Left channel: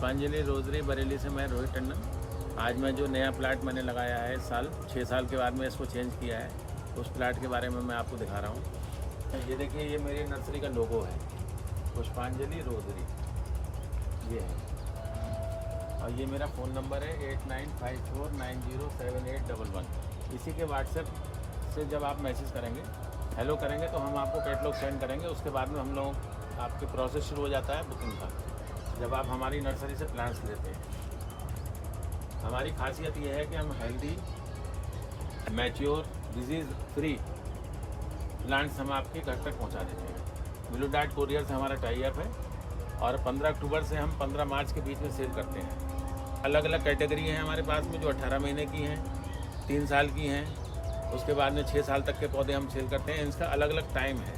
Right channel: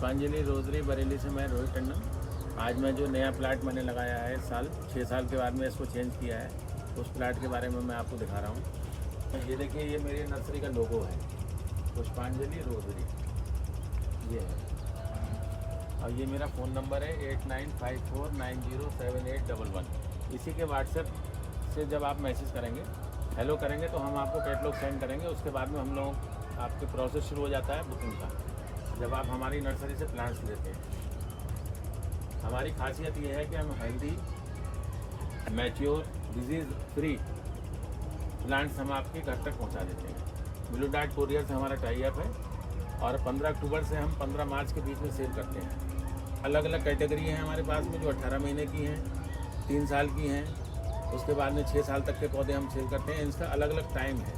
पुष्पांजलि रोजरी बरेली से मैं रोहित टंडन। आज मैं जो नया प्लाट मैंने लगाया है इस साल 6 साल के बाद में इसको चेंज किया है, उस प्लाट के बारे में मैं आपको दिखा रहा हूँ। ये देखिए, ये मेरी नर्सरी का लोगो है, पुष्पांजलि रोजरी ये है। और ये मेरा फ़ोन नंबर है 8954907811। इसी के व्हाट्सएप से जब आप मैसेज करेंगे, हेलो करेंगे, तो हम आपको कैटलॉग सेंड करेंगे। उसके बाद में हम लोग आपके प्रोसेस शुरू हो जाता है बुकिंग का, जब आप हमारी नर्सरी से प्लांट्स लेते हैं। हमारी खासियत ये है कि हम healthy, mature, disease free plants हम आपके घर तक पहुंचा देते हैं। ब्लू डार्ट कोरियर से हमारा टाई अप है और 15 अक्टूबर से हम 15 मार्च के बीच में सेल करते हैं। अलग अलग कैटेगरी हैं हमारे पास में, जो 18 महीने की हैं, 3 साल की हैं, उसके बाद में 6 साल तक के पौधे हम सेल करते हैं। इसका अलग अलग टाइम है,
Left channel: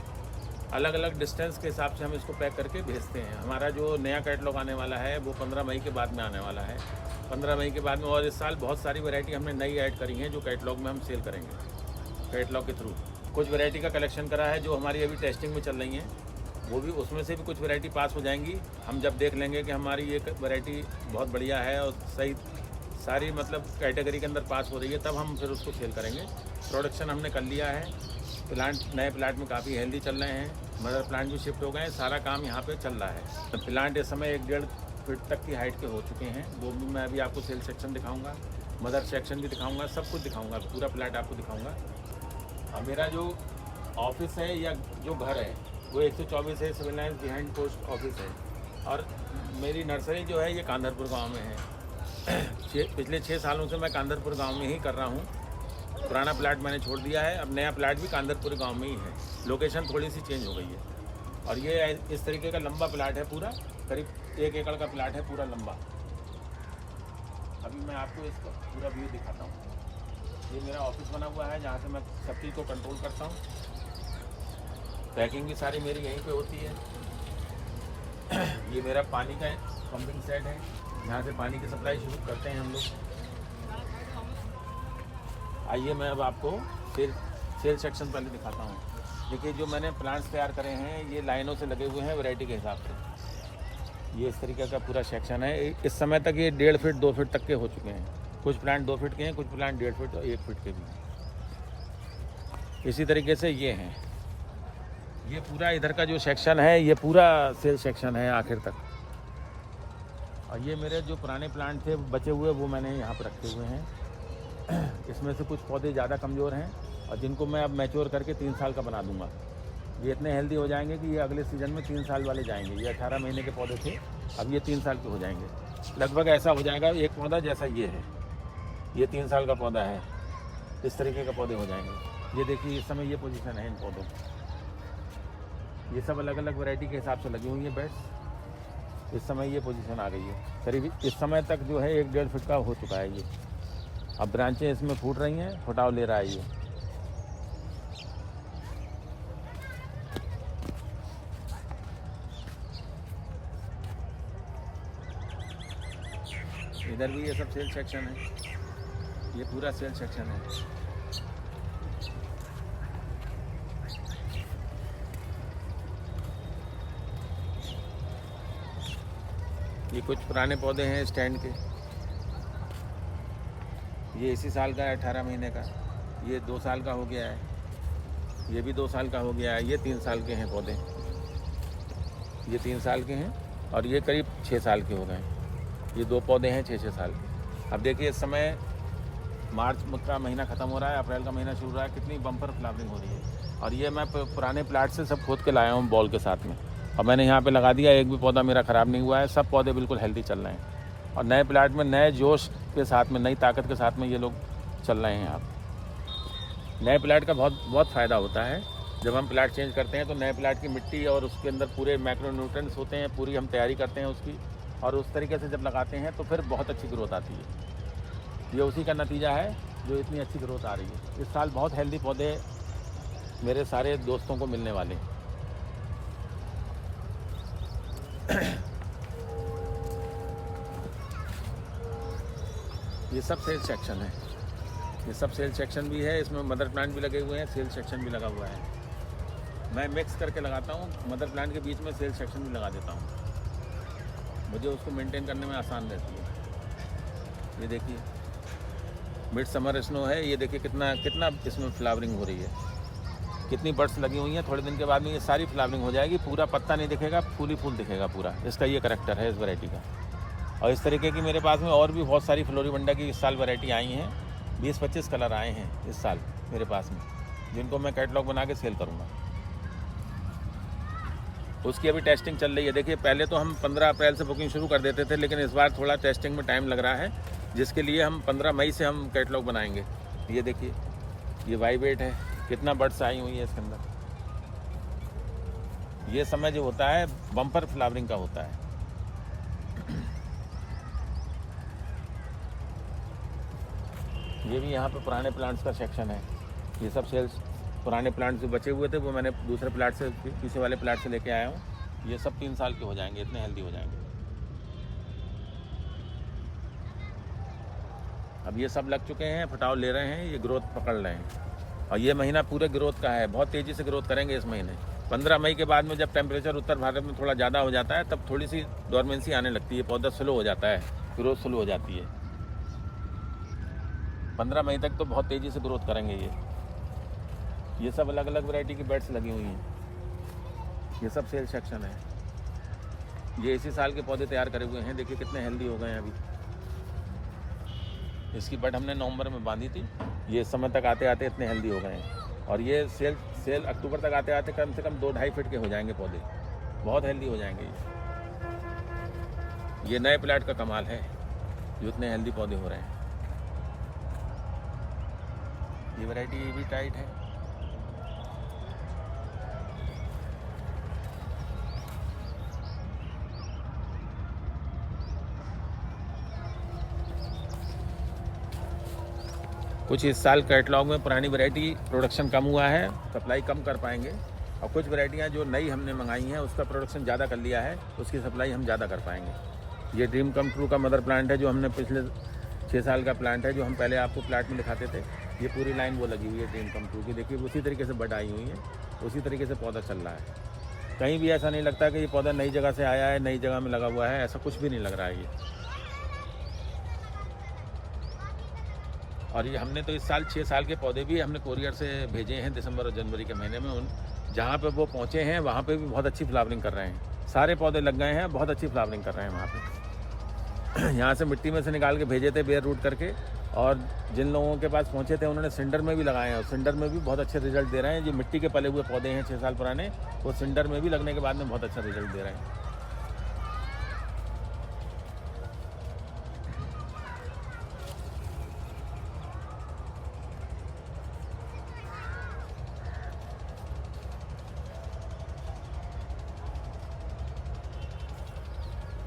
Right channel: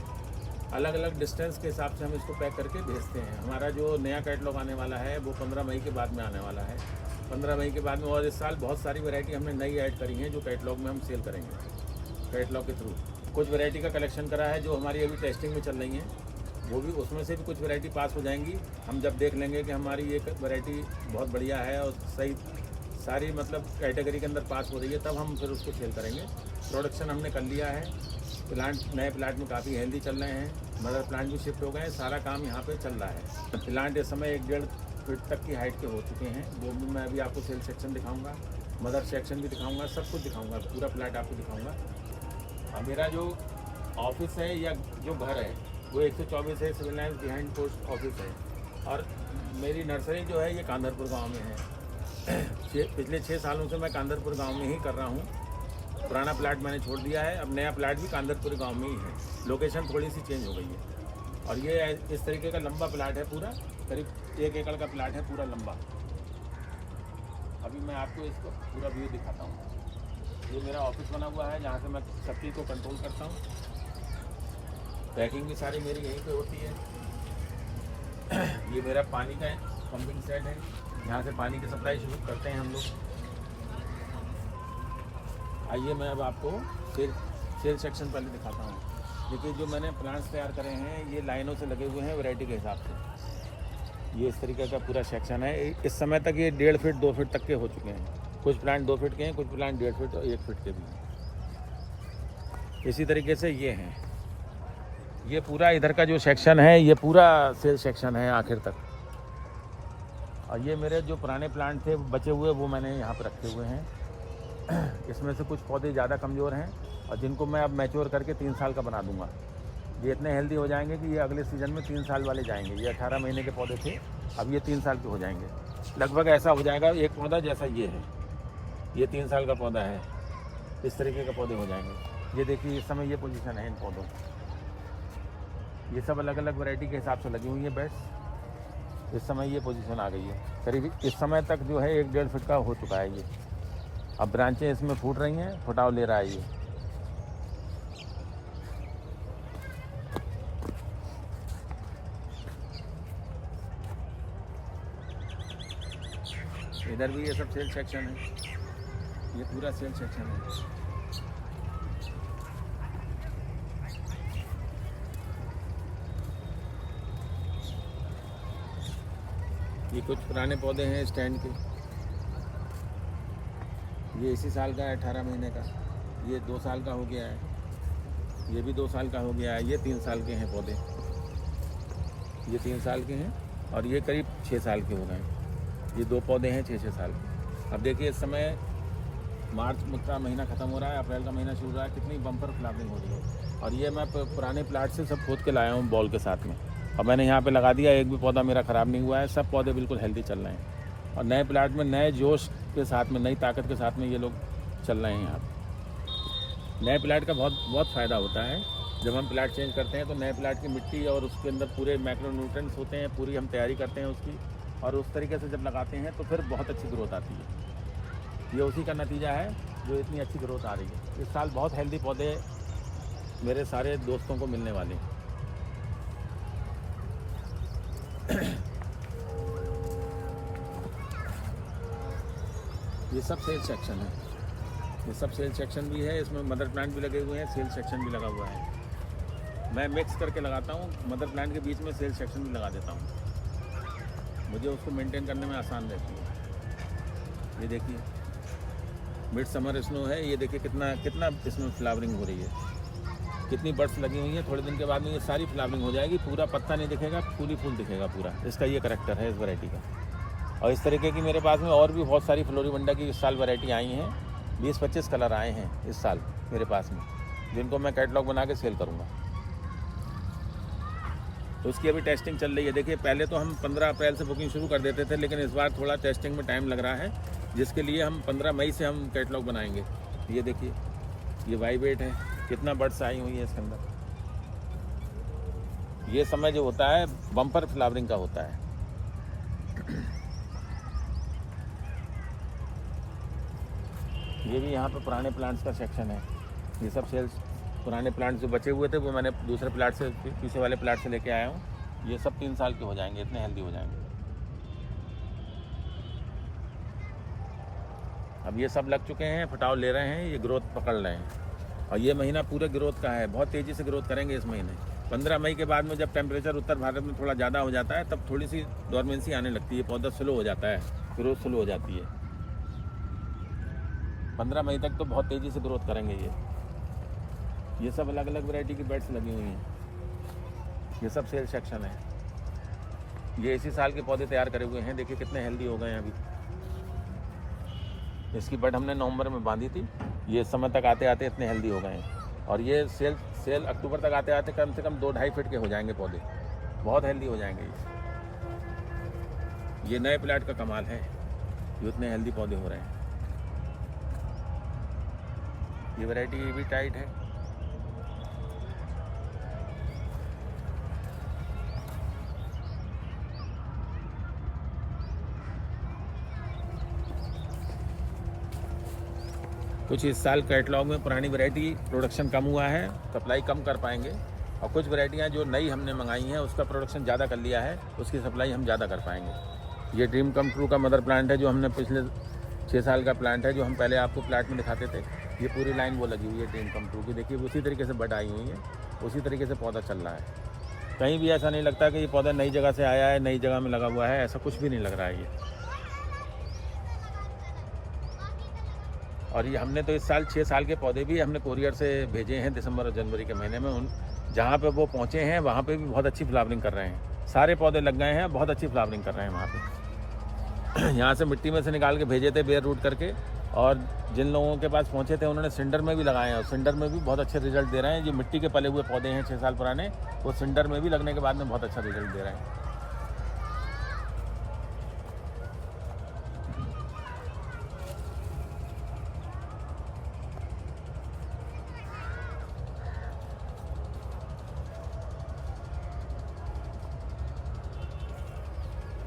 अलग अलग डिस्टेंस के हिसाब से हम इसको पैक करके भेजते हैं। हमारा जो नया कैटलॉग आने वाला है वो 15 मई के बाद में आने वाला है। 15 मई के बाद में, और इस साल बहुत सारी वैरायटी हमने नई ऐड करी हैं जो कैटलॉग में हम सेल करेंगे कैटलॉग के थ्रू। कुछ वैरायटी का कलेक्शन करा है जो हमारी अभी टेस्टिंग में चल रही हैं, वो भी, उसमें से भी कुछ वैरायटी पास हो जाएंगी। हम जब देख लेंगे कि हमारी ये वैरायटी बहुत बढ़िया है और सही सारी मतलब कैटेगरी के अंदर पास हो रही है, तब हम फिर उसको सेल करेंगे। प्रोडक्शन हमने कर लिया है, प्लांट नए प्लांट में काफ़ी हेल्दी चल रहे हैं, मदर प्लांट भी शिफ्ट हो गए हैं, सारा काम यहाँ पे चल रहा है। प्लांट इस समय 1-1.5 फीट तक की हाइट के हो चुके हैं, वो भी मैं अभी आपको सेल सेक्शन दिखाऊँगा, मदर सेक्शन भी दिखाऊँगा, सब कुछ दिखाऊँगा, पूरा प्लांट आपको दिखाऊँगा। और मेरा जो ऑफिस है या जो घर है वो 124 है, civil lines behind post office है। और मेरी नर्सरी जो है ये कांदरपुर गांव में है। पिछले 6 सालों से मैं कांदरपुर गांव में ही कर रहा हूँ। पुराना प्लाट मैंने छोड़ दिया है, अब नया प्लाट भी कांदरपुर गांव में ही है। लोकेशन थोड़ी सी चेंज हो गई है। और ये इस तरीके का लंबा प्लाट है, पूरा करीब 1 एकड़ का प्लाट है, पूरा लंबा। अभी मैं आपको इसका पूरा व्यू दिखाता हूँ। ये मेरा ऑफिस बना हुआ है, जहाँ से मैं सब चीज़ को कंट्रोल करता हूँ। पैकिंग भी सारी मेरी यहीं पे होती है। ये मेरा पानी का पंपिंग सेट है, यहाँ से पानी की सप्लाई शुरू करते हैं हम लोग। आइए मैं अब आपको सेल सेक्शन पहले दिखाता हूँ। देखिए, जो मैंने प्लांट्स तैयार करे हैं ये लाइनों से लगे हुए हैं वैरायटी के हिसाब से। ये इस तरीके का पूरा सेक्शन है। इस समय तक ये 1.5 फीट 2 फीट तक के हो चुके हैं। कुछ प्लांट 2 फीट के हैं, कुछ प्लांट 1.5 फीट और 1 फीट के भी हैं। इसी तरीके से ये हैं। ये पूरा इधर का जो सेक्शन है ये पूरा सेल सेक्शन है आखिर तक। और ये मेरे जो पुराने प्लांट थे बचे हुए, वो मैंने यहाँ पर रखे हुए हैं। इसमें से कुछ पौधे ज़्यादा कमज़ोर हैं और जिनको मैं अब मैच्योर करके 3 साल का बना दूंगा। ये इतने हेल्दी हो जाएंगे कि ये अगले सीज़न में 3 साल वाले जाएंगे। ये 18 महीने के पौधे थे, अब ये 3 साल के हो जाएंगे। लगभग ऐसा हो जाएगा एक पौधा जैसा ये है, ये 3 साल का पौधा है, इस तरीके का पौधे हो जाएंगे। ये देखिए, इस समय ये पोजीशन है इन पौधों की। ये सब अलग अलग वैरायटी के हिसाब से लगी हुई है बेड्स। इस समय ये पोजीशन आ गई है, करीब इस समय तक जो है 1-1.5 फीट का हो चुका है ये। अब ब्रांचें इसमें फूट रही हैं, फुटाव ले रहा है ये। इधर भी ये सब सेल सेक्शन है, ये पूरा सेल सेक्शन है। ये कुछ पुराने पौधे हैं स्टैंड के। ये इसी साल का है, 18 महीने का। ये 2 साल का हो गया है, ये भी 2 साल का हो गया है। ये 3 साल के हैं पौधे, ये 3 साल के हैं और ये करीब 6 साल के हो गए हैं। ये 2 पौधे हैं 6-6 साल के। अब देखिए, इस समय मार्च का महीना ख़त्म हो रहा है, अप्रैल का महीना शुरू हो रहा है, कितनी बम्पर फ्लावरिंग हो रही है। और ये मैं पुराने प्लाट से सब खोद के लाया हूँ बॉल के साथ में, और मैंने यहाँ पे लगा दिया। एक भी पौधा मेरा ख़राब नहीं हुआ है, सब पौधे बिल्कुल हेल्दी चल रहे हैं। और नए प्लाट में नए जोश के साथ में, नई ताकत के साथ में ये लोग चल रहे हैं यहाँ पे। नए प्लाट का बहुत फ़ायदा होता है। जब हम प्लाट चेंज करते हैं तो नए प्लाट की मिट्टी और उसके अंदर पूरे मैक्रोन्यूट्रिएंट्स होते हैं, पूरी हम तैयारी करते हैं उसकी, और उस तरीके से जब लगाते हैं तो फिर बहुत अच्छी ग्रोथ आती है। ये उसी का नतीजा है जो इतनी अच्छी ग्रोथ आ रही है। इस साल बहुत हेल्दी पौधे मेरे सारे दोस्तों को मिलने वाले हैं। ये सब सेल सेक्शन है, ये सब सेल सेक्शन भी है। इसमें मदर प्लांट भी लगे हुए हैं, सेल सेक्शन भी लगा हुआ है। मैं मिक्स करके लगाता हूँ, मदर प्लांट के बीच में सेल सेक्शन भी लगा देता हूँ। मुझे उसको मेंटेन करने में आसान रहती है। ये देखिए मिड समर स्नो है, ये देखिए कितना कितना इसमें फ्लावरिंग हो रही है, कितनी बर्ड्स लगी हुई हैं। थोड़े दिन के बाद में ये सारी फ्लावरिंग हो जाएगी, पूरा पत्ता नहीं दिखेगा, फूल ही फूल दिखेगा पूरा। इसका ये करैक्टर है इस वैरायटी का। और इस तरीके की मेरे पास में और भी बहुत सारी फ्लोरिबंडा की इस साल वैरायटी आई हैं। 20-25 कलर आए हैं इस साल मेरे पास में, जिनको मैं कैटलॉग बना के सेल करूँगा। उसकी अभी टेस्टिंग चल रही है। देखिए पहले तो हम 15 अप्रैल से बुकिंग शुरू कर देते थे, लेकिन इस बार थोड़ा टेस्टिंग में टाइम लग रहा है, जिसके लिए हम 15 मई से हम कैटलॉग बनाएंगे। ये देखिए ये वाइवेट है, कितना बर्ड्स आई हुई है इसके अंदर। ये समय जो होता है बम्पर फ्लावरिंग का होता है। ये भी यहाँ पे पुराने प्लांट्स का सेक्शन है। ये सब सेल्स पुराने प्लांट्स जो बचे हुए थे वो मैंने दूसरे प्लांट से, पीछे वाले प्लांट से लेके आया हूँ। ये सब 3 साल के हो जाएंगे, इतने हेल्दी हो जाएंगे। अब ये सब लग चुके हैं, फटाव ले रहे हैं, ये ग्रोथ पकड़ रहे हैं। और ये महीना पूरे ग्रोथ का है, बहुत तेज़ी से ग्रोथ करेंगे इस महीने। 15 मई के बाद में जब टेम्परेचर उत्तर भारत में थोड़ा ज़्यादा हो जाता है, तब थोड़ी सी डॉर्मेंसी आने लगती है, पौधा स्लो हो जाता है, ग्रोथ स्लो हो जाती है। 15 मई तक तो बहुत तेज़ी से ग्रोथ करेंगे ये सब अलग अलग वैरायटी की बेड्स लगी हुई हैं। ये सब सेल सेक्शन है। ये इसी साल के पौधे तैयार करे हुए हैं, देखिए कितने हेल्दी हो गए हैं अभी। इसकी बेड हमने नवंबर में बांधी थी, ये इस समय तक आते आते इतने हेल्दी हो गए हैं। और ये सेल अक्टूबर तक आते आते कम से कम 2-2.5 फीट के हो जाएंगे पौधे, बहुत हेल्दी हो जाएंगे ये नए प्लाट का कमाल है, जो इतने हेल्दी पौधे हो रहे हैं। ये वैरायटी ये भी टाइट है। कुछ इस साल कैटलॉग में पुरानी वैरायटी प्रोडक्शन कम हुआ है, सप्लाई कम कर पाएंगे। और कुछ वैरायटियाँ जो नई हमने मंगाई हैं उसका प्रोडक्शन ज़्यादा कर लिया है, उसकी सप्लाई हम ज़्यादा कर पाएंगे। ये ड्रीम कम ट्रू का मदर प्लांट है, जो हमने पिछले 6 साल का प्लांट है, जो हम पहले आपको प्लांट में दिखाते थे। ये पूरी लाइन वो लगी हुई है ड्रीम कम ट्रू की, देखिए उसी तरीके से बड आई हुई है, उसी तरीके से पौधा चल रहा है। कहीं भी ऐसा नहीं लगता कि ये पौधा नई जगह से आया है, नई जगह में लगा हुआ है, ऐसा कुछ भी नहीं लग रहा है ये। और ये हमने तो इस साल 6 साल के पौधे भी हमने कोरियर से भेजे हैं दिसंबर और जनवरी के महीने में। उन जहाँ पे वो पहुँचे हैं वहाँ पे भी बहुत अच्छी फ्लावरिंग कर रहे हैं, सारे पौधे लग गए हैं, बहुत अच्छी फ्लावरिंग कर रहे हैं वहाँ पे। यहाँ से मिट्टी में से निकाल के भेजे थे बेयर रूट करके, और जिन लोगों के पास पहुँचे थे उन्होंने सिंडर में भी लगाए हैं, और सिंडर में भी बहुत अच्छे रिजल्ट दे रहे हैं। जो मिट्टी के पले हुए पौधे हैं 6 साल पुराने, वो सिंडर में भी लगने के बाद में बहुत अच्छा रिजल्ट दे रहे हैं।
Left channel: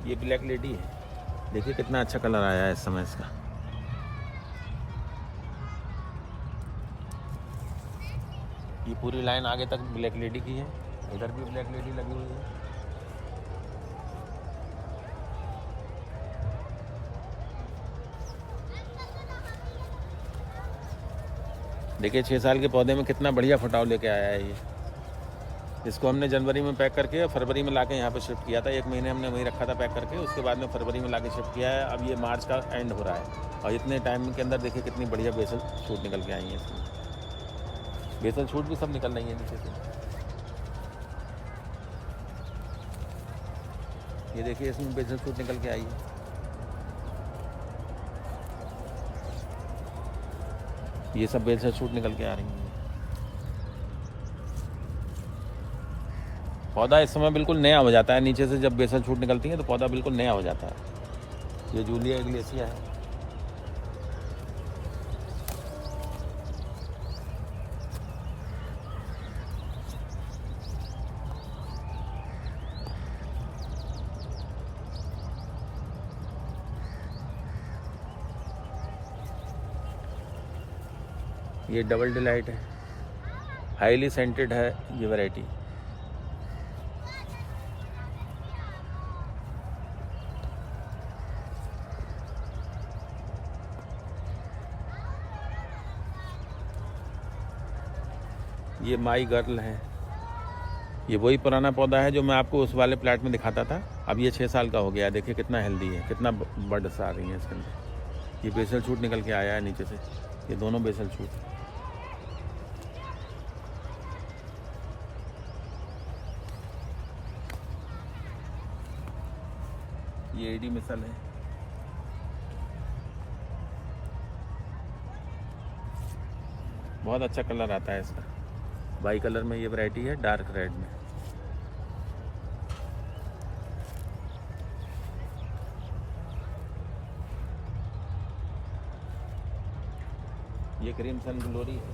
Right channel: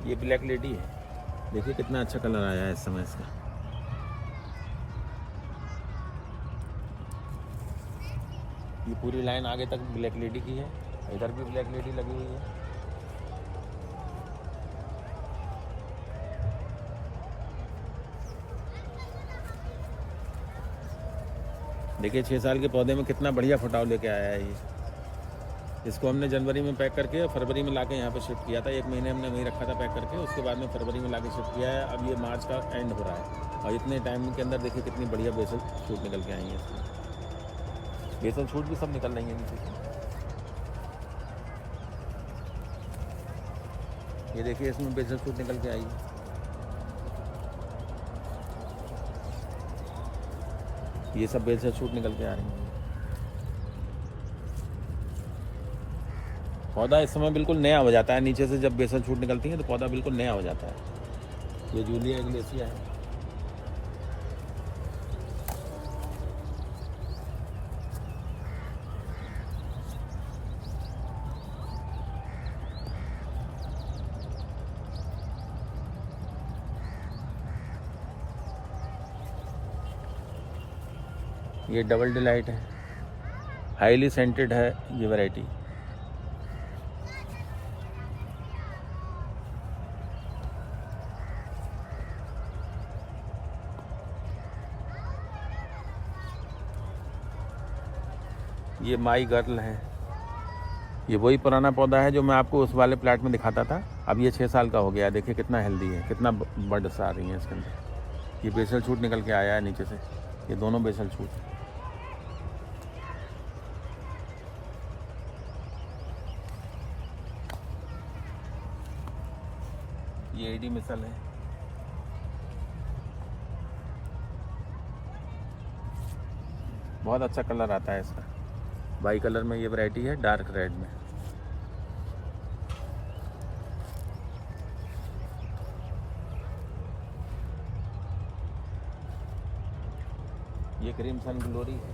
ये ब्लैक लेडी है, देखिए कितना अच्छा कलर आया है इस समय इसका। ये पूरी लाइन आगे तक ब्लैक लेडी की है, इधर भी ब्लैक लेडी लगी हुई है। देखिए 6 साल के पौधे में कितना बढ़िया फटाव लेके आया है ये। इसको हमने जनवरी में पैक करके फरवरी में लाके यहाँ पे शिफ्ट किया था। 1 महीने हमने वहीं रखा था पैक करके, उसके बाद में फरवरी में लाके शिफ्ट किया है। अब ये मार्च का एंड हो रहा है, और इतने टाइम के अंदर देखिए कितनी बढ़िया बेसल शूट निकल के आई हैं इसमें। बेसल शूट भी सब निकल रही है नीचे से। ये देखिए इसमें बेसल शूट निकल के आई है। ये सब बेसल शूट निकल के आ रही हैं। पौधा इस समय बिल्कुल नया हो जाता है, नीचे से जब बेसल छूट निकलती है तो पौधा बिल्कुल नया हो जाता है। ये जूलिया इग्लेसिया है। ये डबल डिलाइट है, हाईली सेंटेड है ये वैरायटी। ये माई गर्ल है, ये वही पुराना पौधा है जो मैं आपको उस वाले प्लाट में दिखाता था। अब ये 6 साल का हो गया, देखिए कितना हेल्दी है, कितना बर्ड्स आ रही हैं इसके अंदर। ये बेसल शूट निकल के आया है नीचे से, ये दोनों बेसल शूट। ये एडी मिसल है। बहुत अच्छा कलर आता है इसका, बाई कलर में ये वैरायटी है, डार्क रेड में। ये क्रीम सन ग्लोरी है,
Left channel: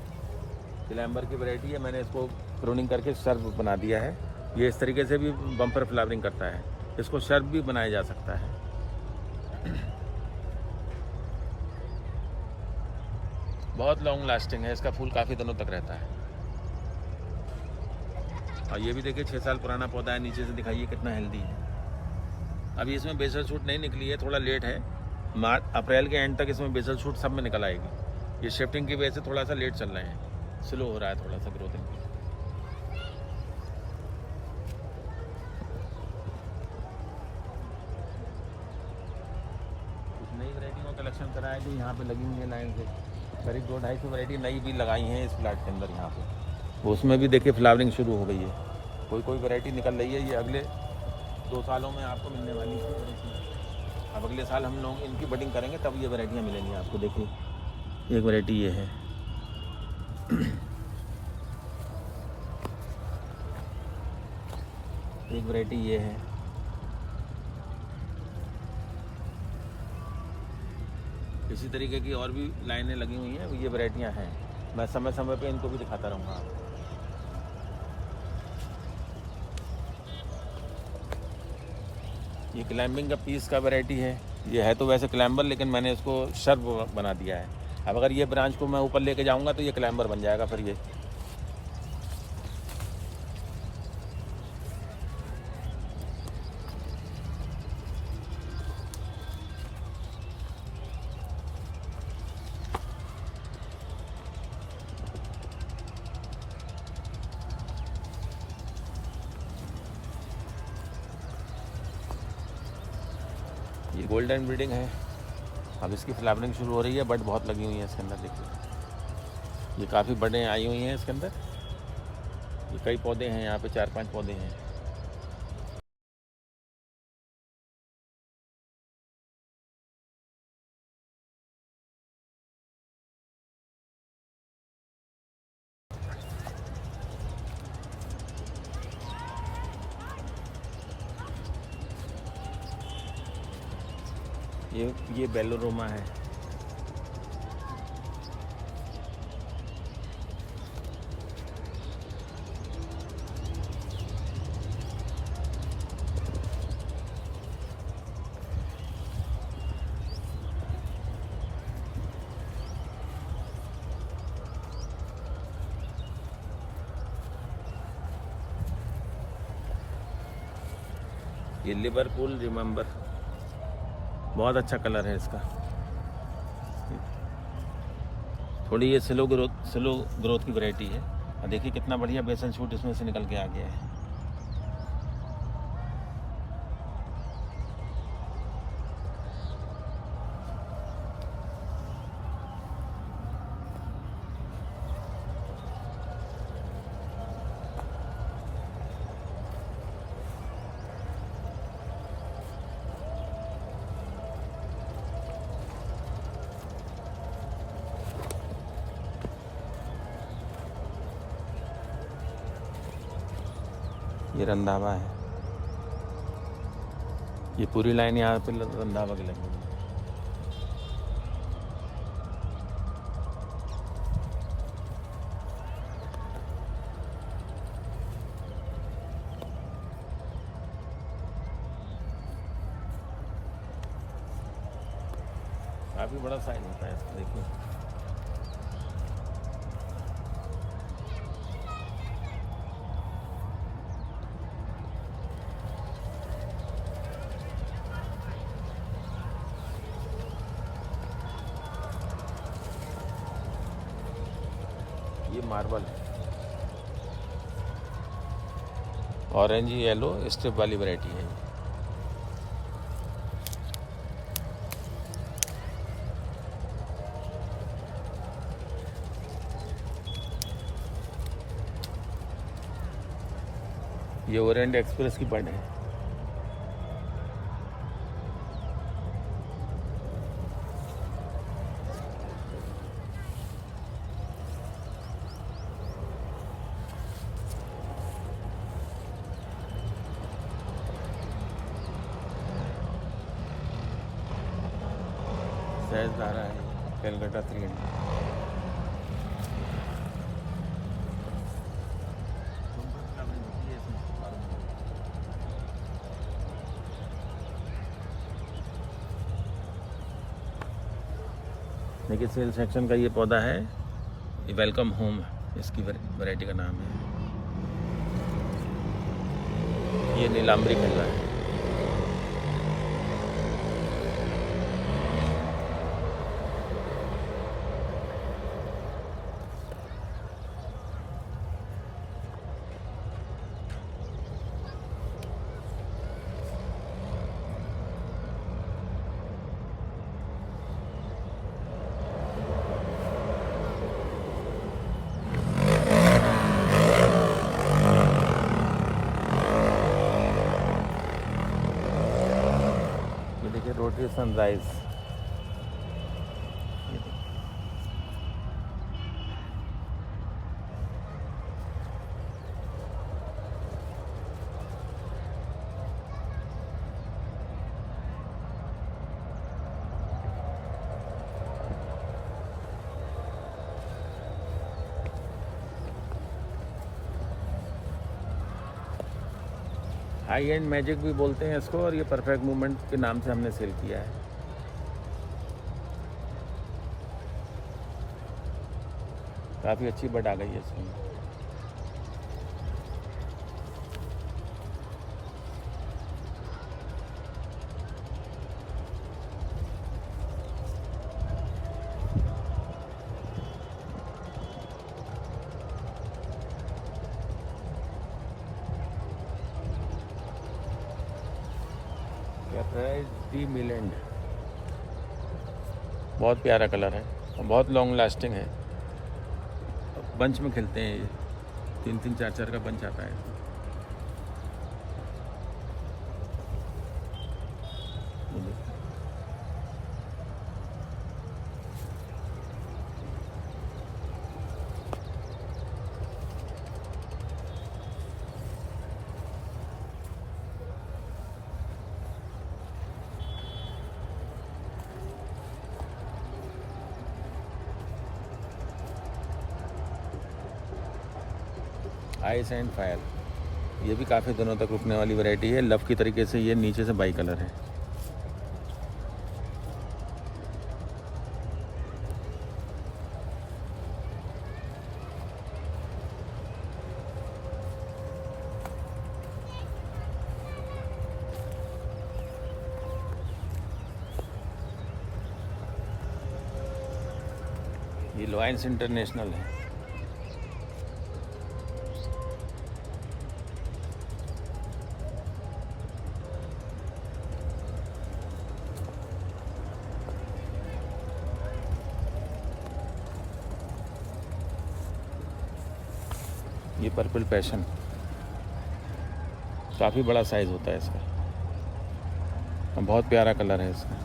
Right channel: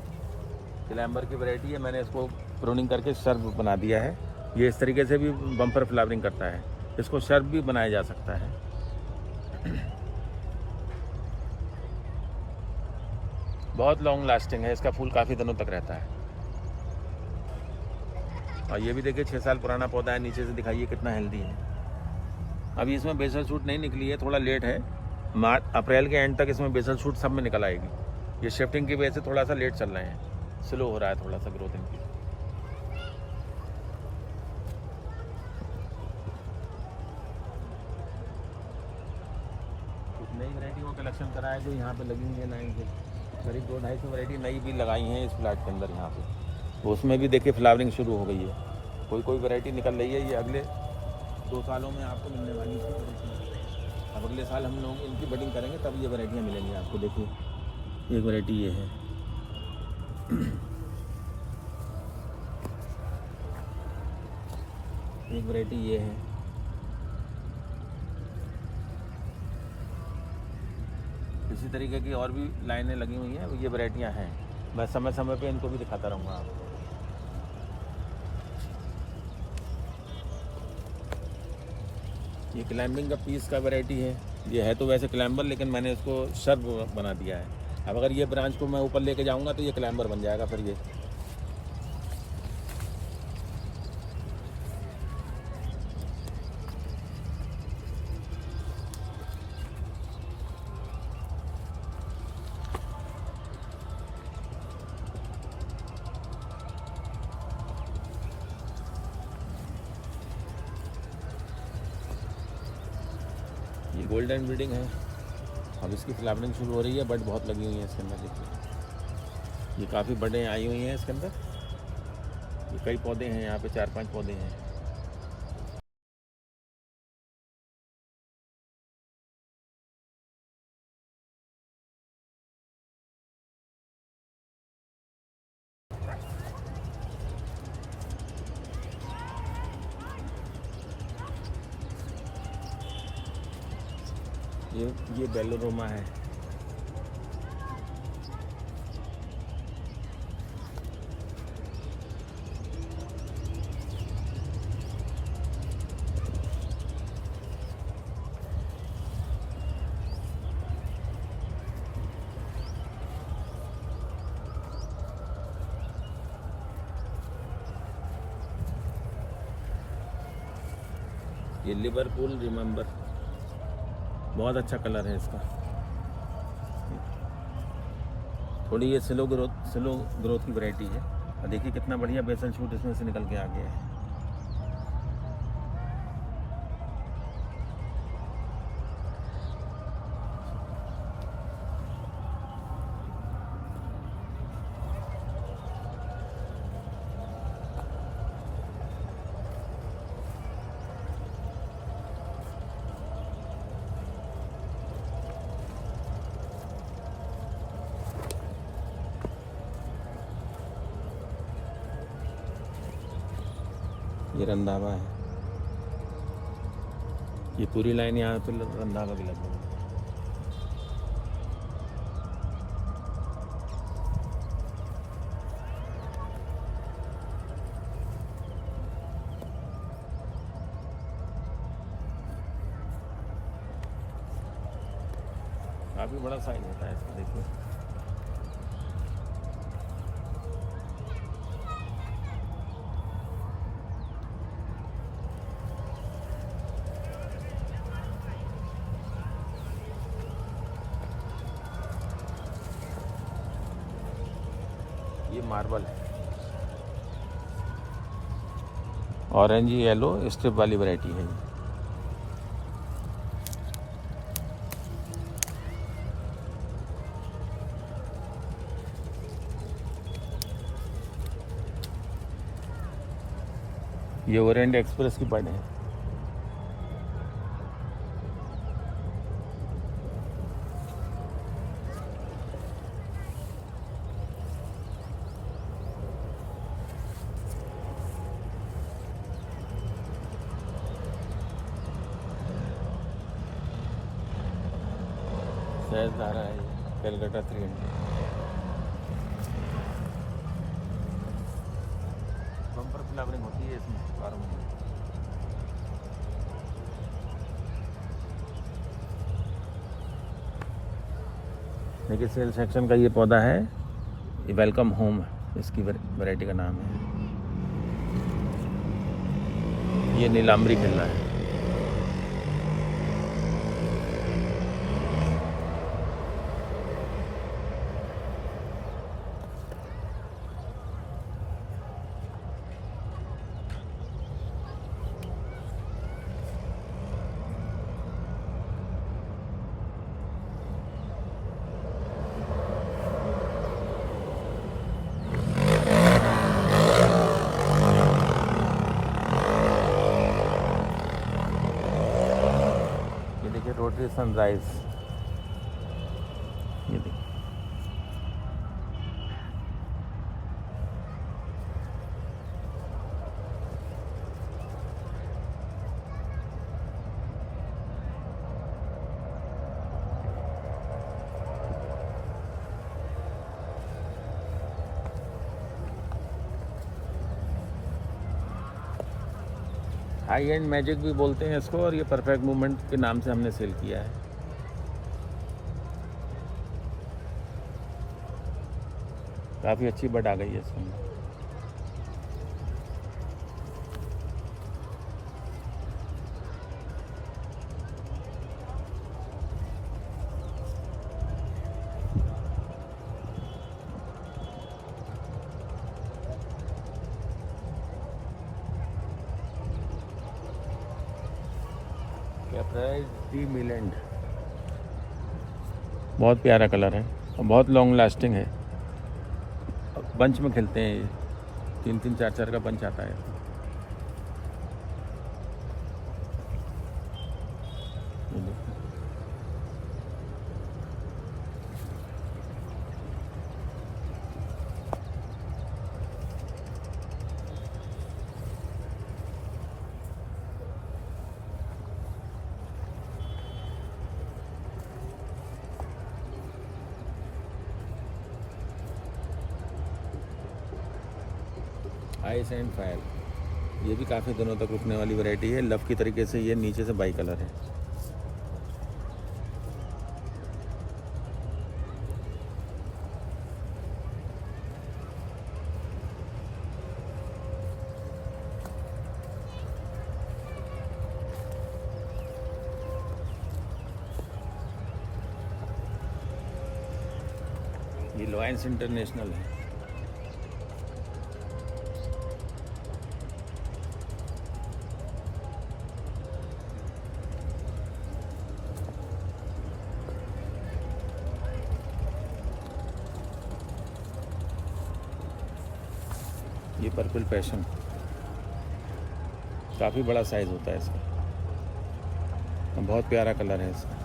क्लैम्बर की वैरायटी है। मैंने इसको प्रूनिंग करके शर्ब बना दिया है। ये इस तरीके से भी बम्पर फ्लावरिंग करता है, इसको शर्ब भी बनाया जा सकता है। बहुत लॉन्ग लास्टिंग है, इसका फूल काफ़ी दिनों तक रहता है। और ये भी देखिए 6 साल पुराना पौधा है, नीचे से दिखाइए कितना हेल्दी है। अभी इसमें बेसल शूट नहीं निकली है, थोड़ा लेट है। अप्रैल के एंड तक इसमें बेसल शूट सब में निकल आएगी। ये शिफ्टिंग की वजह से थोड़ा सा लेट चल रहे हैं, स्लो हो रहा है थोड़ा सा ग्रोथिंग। कुछ नई वैरायटी का कलेक्शन करा है जो यहाँ पे लगी हुई है लाइन से। करीब 200-250 वैरायटी नई भी लगाई हैं इस प्लाट के अंदर यहाँ पे। उसमें भी देखिए फ्लावरिंग शुरू हो गई है, कोई वैरायटी निकल रही है। ये अगले 2 सालों में आपको मिलने वाली थी। अब अगले साल हम लोग इनकी बडिंग करेंगे तब ये वैरायटियाँ मिलेंगी आपको। देखिए एक वैरायटी ये है, एक वैरायटी ये है। इसी तरीके की और भी लाइनें लगी हुई हैं, ये वैरायटियाँ हैं। मैं समय समय पे इनको भी दिखाता रहूँगा। ये क्लाइंबिंग का पीस का वैरायटी है। ये है तो वैसे क्लाइंबर, लेकिन मैंने इसको शर्ब बना दिया है। अब अगर ये ब्रांच को मैं ऊपर लेके जाऊंगा तो ये क्लाइंबर बन जाएगा फिर ये। ये गोल्डन ब्रीडिंग है, अब इसकी फ्लावरिंग शुरू हो रही है। बट बहुत लगी हुई है इसके अंदर, देखिए ये काफ़ी बड़े आई हुई हैं इसके अंदर। ये कई पौधे हैं यहाँ पे, 4-5 पौधे हैं। ये बेलोरोमा है। ये लिवरपूल रिमेंबर, बहुत अच्छा कलर है इसका। थोड़ी ये स्लो ग्रोथ की वैरायटी है। और देखिए कितना बढ़िया बेसल शूट इसमें से निकल के आ गया है। ये रंधावा है, ये पूरी लाइन यहाँ पे रंधावा की लगी हुई है। काफ़ी बड़ा साइज होता है इसका, देखिए। ये मार्बल है। ऑरेंज येलो स्ट्रिप वाली वैरायटी है। ये ओरिएंट एक्सप्रेस की बर्ड है। सहज आ रहा है कलकत्ता 300। बम्पर फ्लावरिंग होती है इसमें। देखिए सेल सेक्शन का ये पौधा है, ये वेलकम होम इसकी वैरायटी का नाम है। ये नीलांबरी खन्ना है। ये देखिए rotary sunrise. High and magic भी बोलते हैं इसको, और ये परफेक्ट मूवमेंट के नाम से हमने सेल किया है। काफ़ी अच्छी बर्ड आ गई है इसमें। डी मिलेंड बहुत प्यारा कलर है, बहुत लॉन्ग लास्टिंग है। बंच में खिलते हैं ये, 3-3 4-4 का बंच आता है। आइस एंड फायर, ये भी काफ़ी दिनों तक रुकने वाली वैरायटी है। लव की तरीके से ये नीचे से बाई कलर है। ये लॉयंस इंटरनेशनल है। ये पर्पल पैशन, काफ़ी बड़ा साइज़ होता है इसका, बहुत प्यारा कलर है इसका।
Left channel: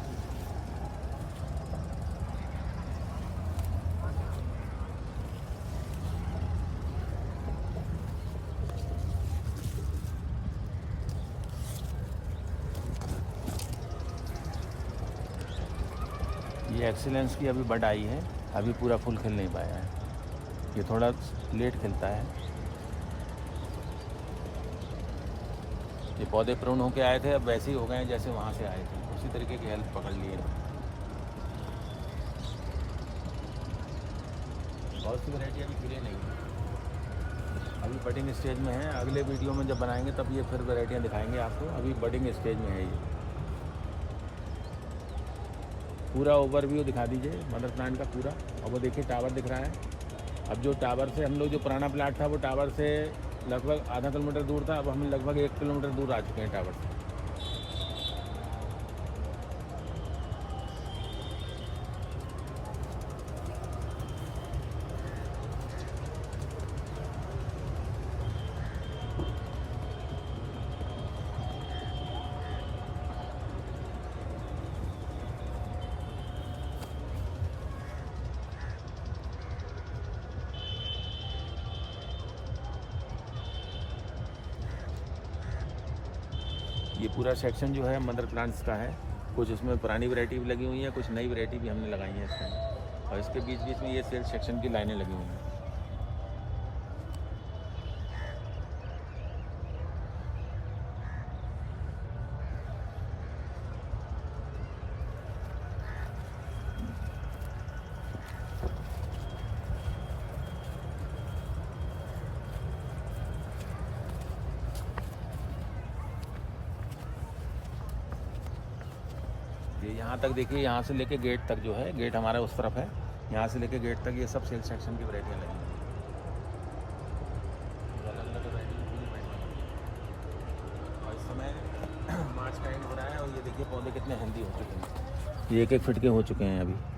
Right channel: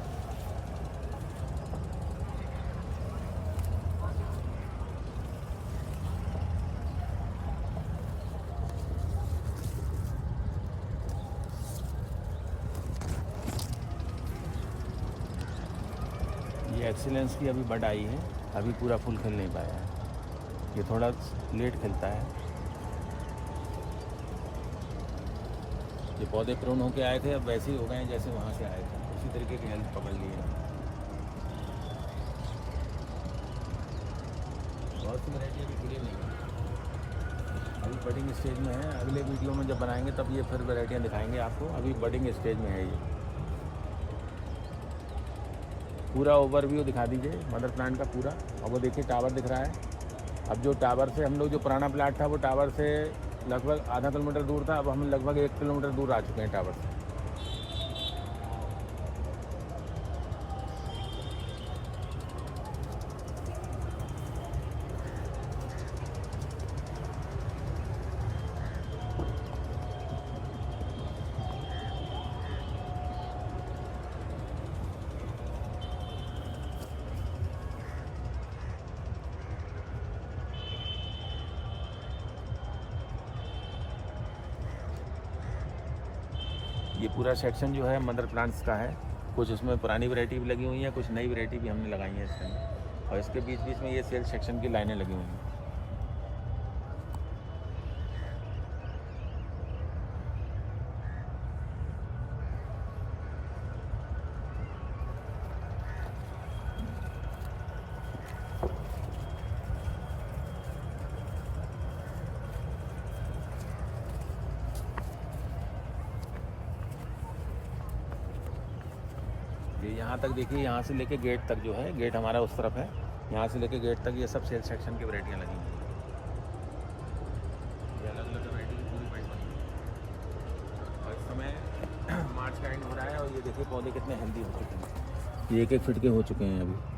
ये एक्सीलेंस की अभी बर्ड आई है, अभी पूरा फुल खिल नहीं पाया है, ये थोड़ा लेट खिलता है। ये पौधे प्रून होके आए थे, अब वैसे ही हो गए हैं जैसे वहाँ से आए थे, उसी तरीके की हेल्थ पकड़ ली है। बहुत सी वैरायटी अभी खिली नहीं है, अभी बडिंग स्टेज में है। अगले वीडियो में जब बनाएंगे तब ये फिर वैरायटियाँ दिखाएंगे आपको, अभी बडिंग स्टेज में है। ये पूरा ओवरव्यू दिखा दीजिए मदर प्लांट का पूरा। और वो देखिए टावर दिख रहा है। अब जो टावर से हम लोग, जो पुराना प्लाट था वो टावर से लगभग आधा किलोमीटर दूर था, अब हम लगभग 1 किलोमीटर दूर आ चुके हैं टावर से। ये पूरा सेक्शन जो है मदर प्लांट्स का है। कुछ उसमें पुरानी वैरायटी भी लगी हुई है, कुछ नई वैरायटी भी हमने लगाई है इस टाइम। और इसके बीच बीच में ये सेल्स सेक्शन की लाइनें लगी हुई हैं। ये यहाँ तक देखिए, यहाँ से लेके गेट तक जो है, गेट हमारा उस तरफ है, यहाँ से लेके गेट तक ये सब सेल्स सेक्शन की वैरायटियाँ लगी हुई हैं। ये अलग अलग वैरायटी की पूरी पेड़ बनी हुई है। और इस समय मार्च का एंड हो रहा है और ये देखिए पौधे कितने हेल्दी हो चुके हैं। ये 1-1 फीट के हो चुके हैं अभी।